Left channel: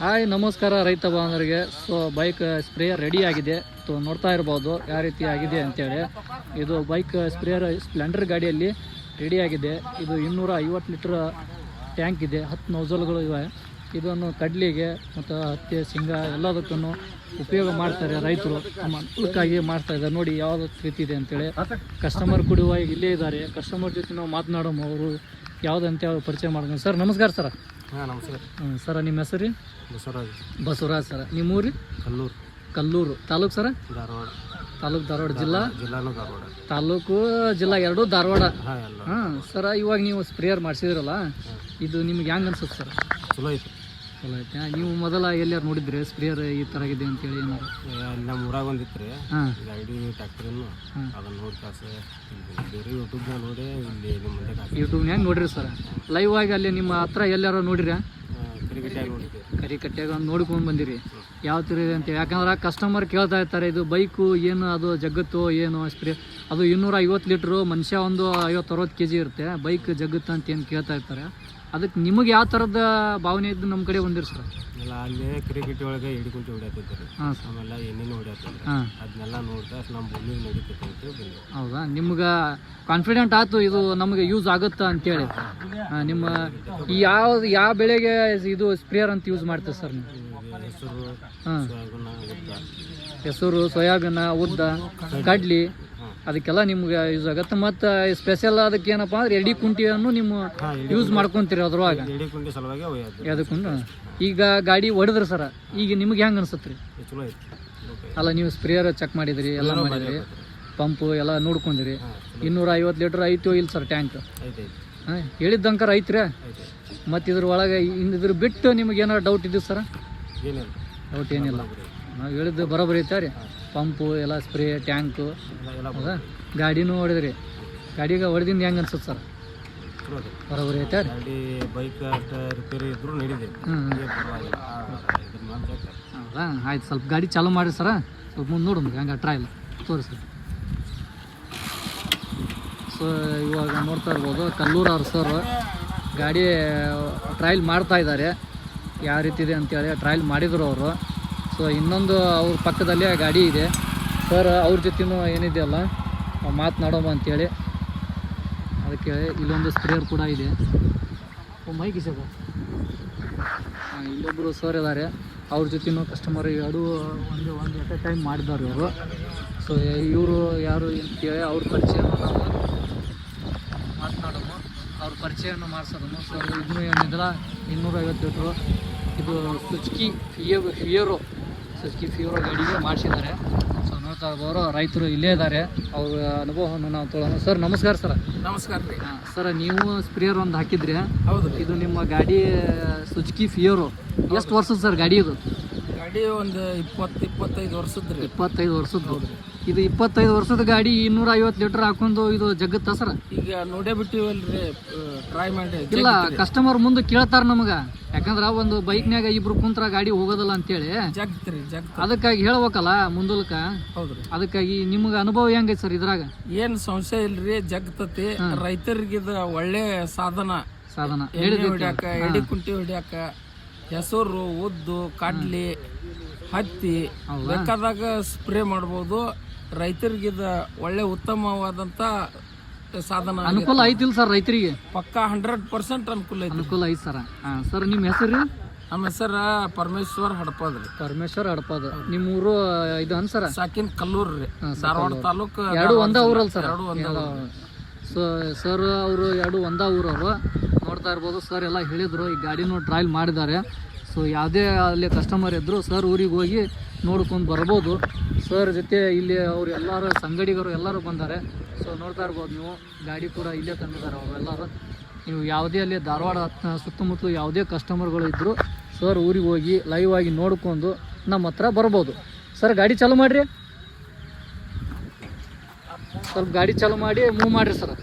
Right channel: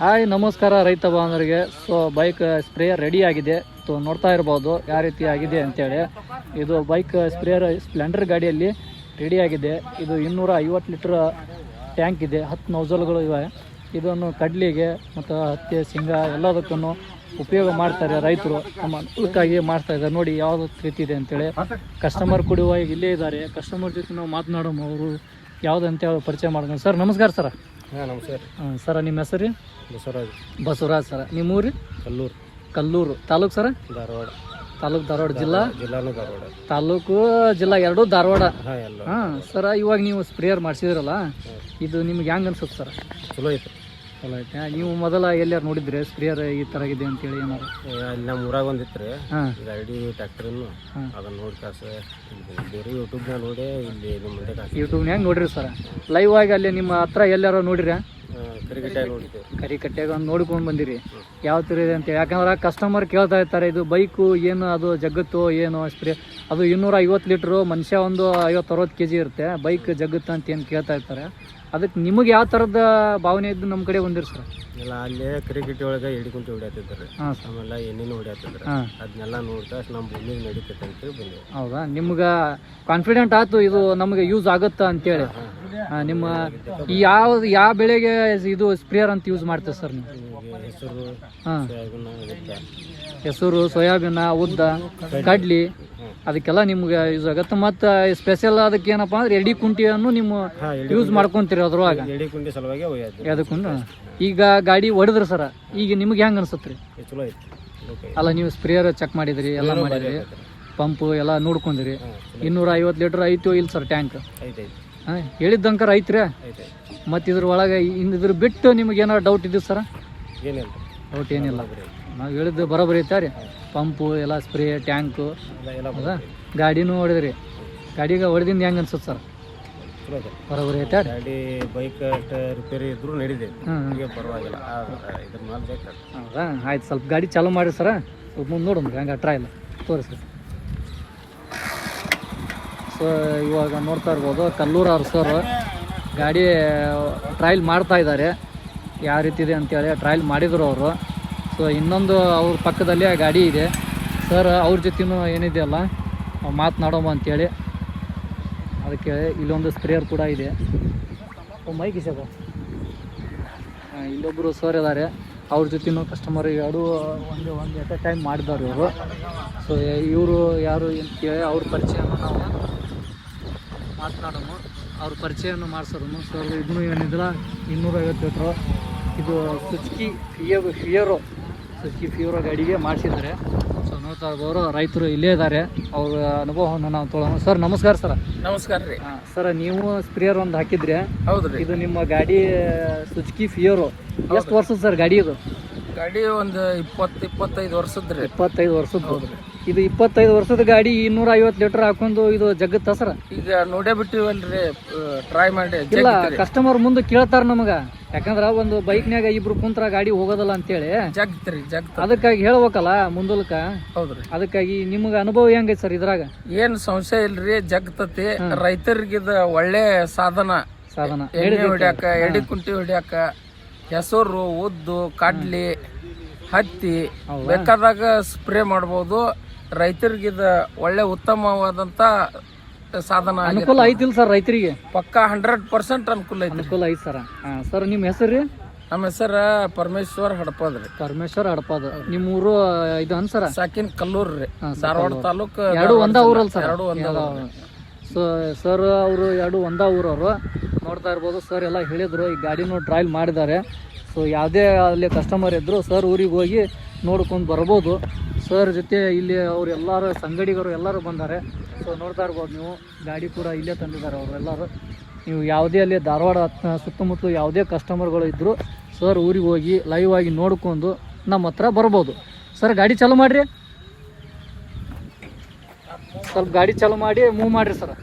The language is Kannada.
ಹಾಯ್ ನಮಸ್ಕಾರ ರೈತ ಬಾಂಧವರಿಗೆ. ಸೊ ಬೈಕ್ ಸ್ಪ್ರೇಯರ್ ರೆಡಿ ಆಗಿದೆ. ಸೊ ನೋಡ್ತಾ ಇರ್ಬೋದು ಯಾವ ರೀತಿ ಆಗಿದೆ ಅಂತೇಳಿ. ಇದು ಬೈಕ್ ಸ್ಪ್ರೇಯರ್ ಸ್ಪ್ಲೆಂಡರ್ ಗಾಡಿಯಲ್ಲಿ ರೆಡಿ ಆಗಿದೆ. ಇದು 250 ಲೀಟರ್ ಟ್ಯಾಂಕ್ ಇದೆ, 10 ನೋಜಲ್ಗಳು ಇವೆ. ಇದನ್ನು ಕಡ್ಲಿಗೆ ಮತ್ತು ಹತ್ತಿ ಶೇಂಗಾ ಎಲ್ಲದಕ್ಕೂ ಉಪಯೋಗ ಮಾಡ್ತಾರೆ ರೈತರು. ತಮ್ಮ ಅನುಕೂಲಕ್ಕಾಗಿ ಮಾಡ್ತಾ ಇದ್ದಾರೆ. ನೋಡಿ ಯಾವುದು ರೀತಿ ಇದೆ ಅಂತೇಳಿ. ಕಸ್ಟಮರ್ ಕೊಡುವ ಇಲ್ಲೇ ಇದ್ದಾರೆ. ಕಸ್ಟಮರ್ ಜೊತೆ ನಾವು ಮಾತನಾಡೋಣ. ಅವರು ಯಾವುದಂತೇಳಿ ಪರಿಚಯ ಮಾಡೋಣ. ಸರ್ ನಮಸ್ಕಾರ ಸರ್. ಹಾಂ ನಮಸ್ಕಾರ ಸರ ನಿಮ್ಮ ಹೆಸರು? ಬಸವರಾಜ್ ಸರ. ನಿಮ್ಮ ಊರು? ಕಲ್ಲೂರು ತಾಲೂಕು ಸರ? ಧಾರವಾಡ. ಜಿಲ್ಲಾನು ಧಾರವಾಡ. ತಾಲೂಕು ಜಿಲ್ಲಾ ಎರಡೂ ಧಾರವಾಡ. ಹಾಂ ಸರ, ಇವಾಗ ನೀವು ಸ್ಪ್ರೇಯರ್ ಮಾಡಿಸಿದ್ರಲ್ಲ, ಇದು ನಿಮ್ಗೆ ಹೆಂಗೆ ಅನ್ಸುತ್ತೆ ಸರ್? ಚಲೋ ಐತೆ. ಚಲೋ ಐತೆ. ನೀವು ಮೊದಲ ಎಲ್ಲಾರು ನೋಡಿದ್ರೆ ಸ್ಪ್ರೇಯರ್ ಈ ಥರ ಇದೆ ಅಂತೇಳಿ ಏನಾರು? ಅಲ್ಲಿ ನಮ್ಮ ಊರಾಗ ಒಂದಿತ್ತು ಗಾಡಿ ಟ್ಯಾಕ್ಟ್ರಿನ್ನು, ಅದನ್ನು ನೋಡಿ ಕಾಸ ಬೇರೆ ಯೂಟ್ಯೂಬ್ನಾಗ ನೋಡಿ ಇಲ್ಲಿ ನಿಮ್ಮ ಮುಂದೆ ಯೂಟ್ಯೂಬ್ನಾಗ ನೋಡ್ರಿ ಸರ್. ಲೈವ್ ಆಗಿ ಅಲ್ಲಿ ನಿಮ್ಮ ಹತ್ರ ಎಲ್ಲಾರು ನೋಡಿರಿ? ಕರಿಕಟ್ಟಾಗಿ ನೋಡಿದ್ದೆ. ಕರಿಕಟ್ಟಾಗ ಒಂದು ನೋಡ್ಕೊಂಡು ಬಂದಿರಿ ಯಾವ ಥರ ಇದೆ ಅಂತೇಳಿ. ಯಾಕಂದ್ರೆ ಕಸ್ಟಮರ್ ಕೇಳ್ತಾ ಇರ್ತಾರೆ, ಇದು ಬೈಕು ಏನು ಅದು ಜಗತ್ತು ಏನು ಸ್ಪ್ರೇ, ಅದು 250 ಲೀಟ್ರು, ಮನುಷ್ಯ ಒಂದು 50-60 kg ಇರುತ್ತೆ, ಬೈಕ್ ಜಗತ್ತು ಅಂತ ಏನು ಕೇಳ್ತಾ ಇರ್ತಾರೆ. ಅದಕ್ಕೆ ನಿಮಗೆ ಯಾವ ಥರದ ಭಾವನೆ ಇದ್ದು ನಮ್ಮ ಕಡೆ ಬಂದಿರಿ ಸರ್? ಎಲ್ಲ ಅಲ್ಲೇ ಕರಿಕಟ್ಟಿ ಒಳಗೆ ಹಿಡ್ಕೊಂತ ಹೊಡ್ಯಾತಿದ್ದಾರೆ. ಆಮೇಲೆ ಎಣ್ಣೆನೂ ಹೊಡ್ಯಾತಿದ್ದಾರೆ. ಅದನ್ನೆಲ್ಲ ನೋಡ್ತಾ ನಮ್ಮ ಭೂಮಿಗೆ ನಡೀತೈತೆ ಅಂತ ಬಂದಿವಿ. ಹೌದಾ? ನಿಮ್ಗೆ ಕಾನ್ಫಿಡೆಂಟ್ ಆಯ್ತು ಇದು ನಮಗೆ ಯೂಸ್ ಆಗುತ್ತಾ ಅಂತೇಳಿ. ನಿಮ್ಮ ಯಾವ ಬೆಳೆಗೆ ಇದು ಸ್ಪ್ರೇಯರ್ ಅಂತ ಯೂಸ್ ಮಾಡ್ತೀವಿ ಸರ್ ನೀವು? ಹೆಸರು, ಸೋಯಾಬೀನ, ಉದ್ದ, ಕಡ್ಲಿ, ಅದಕ್ಕೆಲ್ಲ ನಿಮ್ಗೆ ಯೂಸ್ ಆಗುತ್ತೆ. ಮತ್ತು ಸ್ಪೆಷಲ್ ಅದಕ್ಕೆ ಏನಪ್ಪ ಅಂದ್ರೆ ಎಡಿ ಕುಂಟಿಯನ್ನು ನಿಮ್ಮ ಯೂಸ್ ಮಾಡ್ಕೊಂತೀರಿ ಅದ್ರೊಳಗೆ. ಅದಕ್ಕೂ ಈಗ ಗಾಡಿ ಹೊಡೆದ್ರಿ ಸರ, ಈಗ ನಿಮ್ಗೆ ಹೆಂಗೆ ಅನ್ಸತ್ರಿ? ಅಲ್ಲ, ನೀವು ಸ್ಪ್ರೇಯರ್ ಚೆಕ್ ಮಾಡಿದ್ರಿ, ಎಲ್ಲ ಮಾಡಿದ್ರಿ, ಪಂಪು ಎಲ್ಲ ನೋಡ್ಕೊಂಡಿರಿ. 250 ಲೀಟರ್ ಐತೋ ಇಲ್ಲ ಸರ್ ಟ್ಯಾಂಕ್? ಹಾಂ, ಹೇಳಿದ್ದಂಕರ ಐತ್ರಿ. ಮತ್ತು ಇದ್ರ ಒಳಗೆ ಇದ್ರ ಬಿಟ್ಟು ನಿಮ್ಗೆ ಏನಾರು ಡೌಟ್ ಇದ್ದೀವಿ ಸರ? ಡೌಟ್ ಏನಿಲ್ಲ, ನಾವು ಹೇಳಿದ್ದು ಬರೋಬ್ಬರಿ ಐತೆ ರೀ. ಪಂಪು ಎಲ್ಲ ಸ್ಪ್ರೇ ಟ್ಯಾಂಕು ಹೌದಾ? ಗಾಡಿನೂ ಹೊಡೆದ್ರಿ. ಗಾಡಿಗೆ ಹೊಡೆದಿಂದ ಹೆಂಗೆ ಅನ್ಸುತ್ತೆ ಸರ್? ಬರೋಬ್ಬರಿ ಐತೆ ರೀ. ಗಾಡಿ ಬೈಕ್ ರಿಪೇರಿ ಇದ್ರು ನಡೀದೆ. ಹೌದಾ? ಆಯ್ತು, ಸ್ವಲ್ಪ ಗಾಡಿ ಚಾಲೂ ಮಾಡಿ ಸರ, ಸ್ವಲ್ಪ ಮುಂದೆ ನೋಡೋಣ ಹೆಂಗೆ ಟ್ರಯಲ್ ತೋರಿಸ್ರಿ. ಸೊ ಇವಾಗ ನೋಡ್ತಾ ಇರ್ಬೋದು ಕಲ್ಲೂರು ಅವ್ರು ಸರ್ ಗಾಡಿ ಟ್ರಯಲ್ ಮಾಡ್ತಾ ಇದ್ದಾರೆ. ಯಾವ ರೀತಿ ಇದೆ ಅಂತೇಳಿ ಟ್ರಯಲ್ ಮಾಡಿದರು ಅವರು. ಸೊ ಇನ್ನೊಂದು ಅವ್ರ ಪಕ್ಕದಲ್ಲಿ ಗಾಡಿ ಇದೆ ಸರ್, ಅವ್ರ ಜೊತೆನೂ ಏನಿದೆಯಲ್ಲ ಮಾತನಾಡೋಮ ಅಂತೇಳಿ. ಅದಕ್ಕೆ ಇಲ್ಲೊಂದು ಸ್ಪ್ರೇಯರ್ ಕೂಡ ಇದೆ. ಮೈಕ್ ಇಸಬ ಇಲ್ಲೊಬ್ಬರು ಸರ್ ಇದ್ದಾರೆ, ಅವ್ರ ಜೊತೆನೂ ಕಸ್ಟಮರ್ ಎರಡು ಒಂದು ಎಟ್ ಎ ಟೈಮ್ ಮಾಡಿದವ್ರು ಇವರು. ಸೊ ಇವರು ಯಾರು ಅಂತೇಳಿ ಅವ್ರ ಪರಿಚಯವನ್ನು ನಾವು ಮಾತನಾಡೋಣ, ಅವ್ರ ಪರಿಚಯವನ್ನು ಮಾಡಿಸೋದನ್ನು. ಸೊ ಇದನ್ನು ಏನಿದ್ರೆ 250 ಲೀಟ್ರು ಇದು ಸುಜುಕಿ ಫಿಯರೋ ಗಾಡಿಗೆ ಮಾಡಿಸಿದ್ದಾರೆ. ಸೊ ನೋಡ್ತಾ ಇರ್ಬೋದು ರೈತರು ಇಲ್ಲೇ ಇದ್ದಾರೆ, ಅವ್ರ ಅನುಭವವನ್ನು ನಾವು ತೊಗೊಳ್ಳೋಣ. ಸರ್ ನಮಸ್ಕಾರ ಸರ್. ನಮಸ್ಕಾರ ರೀ. ಸರ್, ನೀವು ಸ್ಪ್ರೇಯರ್ ಒಂದು ಹಾಕಿದ್ರಿ? ಹೌದು ರೀ. ಇದು ನಿಮ್ಮ ಗಾಡಿ ಸುಜುಕಿ ಫಿಯರೋ ಎಷ್ಟು ವರ್ಷದ ಸರ್ ಗಾಡಿ? ಇದು ಗಾಡಿ ಒಂದು 20-25 ವರ್ಷದ ರೀ. 25 ವರ್ಷದ್ದು. ಇದು 25 ವರ್ಷದ ಗಾಡಿ 250 ಲೀಟರ್ ಹಾಕೊಂಡು ಇದು ಜಗತ್ತ ಸರ್? ಈಗ ನೋಡೇ ಬಿಟ್ಟಿವಲ್ರಿ, ಟ್ರೈ ಮಾಡಿ. ಇಲ್ಲ, ಕಸ್ಟಮರ್ ಮುಂದೆ ಕೇಳ್ತಾರ ನಮಗ, ಯಾಕಂದ್ರ ಒಂದು ಬೈಕ್ನ್ಯಾಗ ಇಬ್ರು ಕುಂತ್ರ ಗಾಡಿ ಹೋಗೋದಲ್ಲ ಅಂತೇಳಿ ಅದಕ್ಕಾಗಿ ಹೇಳ್ಬೇಕಲ್ಲ ಮುಂದಲ್ಕ. ಹೌದ್ರಿ. ಅದಕ್ಕಾಗಿ ನಿಮ್ಗ ಅನುಭವ ಹೆಂಗೈತಿ ಸರ್ ಇದ್ರಾಗ? ಏನ್ ಸಂಶಯ ಇಲ್ರಿ, ಜಗ್ತತಿ. ರೈತರಿಗಿದ ಒಳ್ಳೆ ಸಾಧನ. ಎಣ್ಣೆ ಹೊಡ್ಯಾಕ, ಎಡಿ ಕುಂಟಿ ಹೊಡ್ಯಾಕ, ಹೆಸರು, ಉದ್ದು, ಕಡ್ಲಿ, ಹತ್ತಿ ಬೇಕಾದಾಗ ಸ್ಪ್ರೇ ಮಾಡ್ಬೋದು. ರೈತರಿಗಿದ ಒಳ್ಳೆ ಉತ್ತಮವಾದಂತ ಸಾಧನ. ಅನುಕೂಲ ಐತಿಲ್ ಸರ್ ರೈತರಿಗೆ? ಪಕ್ಕಾ 100% ಅನುಕೂಲ ಐತಿ ಸರ್. ಸರ್ ನಿಮ್ಮ ಹೆಸರು? ನಮ್ಮ ಹೆಸರು ಪರಮೇಶ್ವರ್ ಹಡಪದ್ ರೀ. ಪರಮೇಶ್ವರ್ ಹಡಪದ್. ನಿಮ್ಮ ಊರು ಇದು ಅನ್ಸರ? ಸಾಕಿನ್ ಕಲ್ಲೂರ್ ರೀ, ಧಾರವಾಡ ತಾಲೂಕು. ಎರಡು ಒಂದ ಊರಲ್ಲ ಸರ್? ಎರಡು ಒಂದ. ಸೊ ಸರ್ ಅವರು ಎರಡು ಒಂದ ಊರವರು. ನೋಡ್ತಾ ಇರ್ಬೋದು ಸರ್ ಎಲ್ಲ ಹೇಳಿದ್ರು, ಈ ಗಾಡಿನೂ ಟ್ರಯಲ್ ಮಾಡಿದ್ದಾರೆ. ಸೊ ಯಾವುದೇ ಅಲ್ಲಿ ಕಸ್ಟಮರ್ ಇದ್ದರು ಸರ್ ಊರಿಗೆ ಹೋಗಿ ನೋಡ್ಕೊಂಡು ಬರ್ಬೋದು. ಸರ್ ಜೊತೆ ಇಲ್ಲಿ ಅವ್ರು ಎಲ್ಲರೂ ಸಂಗಡಿಗರು ಎಲ್ಲರೂ ಬಂದ್ದಾರೆ. ಸೊ ನೋಡ್ತಾ ಇರ್ಬೋದು ನೀವು, ಗಾಡಿ ಕೂಡ ಇಲ್ಲೇ ತಂದಿದ್ದಾರೆ ಅವರು ಎಲ್ಲರೂ. ನೀವು ಯಾವುದೇ ಅಲ್ಲಿ ಧಾರವಾಡ ಸುತ್ತಮುತ್ತಲು ಯಾವುದೇ ಕಸ್ಟಮರ್ಗಳು ಇದ್ದರು ಸರ್ ಊರಿಗೆ ಹೋಗಿ ಲೈವ್ ಆಗಿ ನೋಡ್ಕೊಂಡು ನಮ್ಮ ಹತ್ರ ಬರ್ಬೋದು. ಸರ್ ಗಾಡಿ ಚಾಲೂ ಮಾಡಿರಿ, ಸ್ವಲ್ಪ ಗಾಡಿ ಚಾಲೂ ಮಾಡಿ ಮೂವ್ ಮಾಡಿರಿ ಸರ್.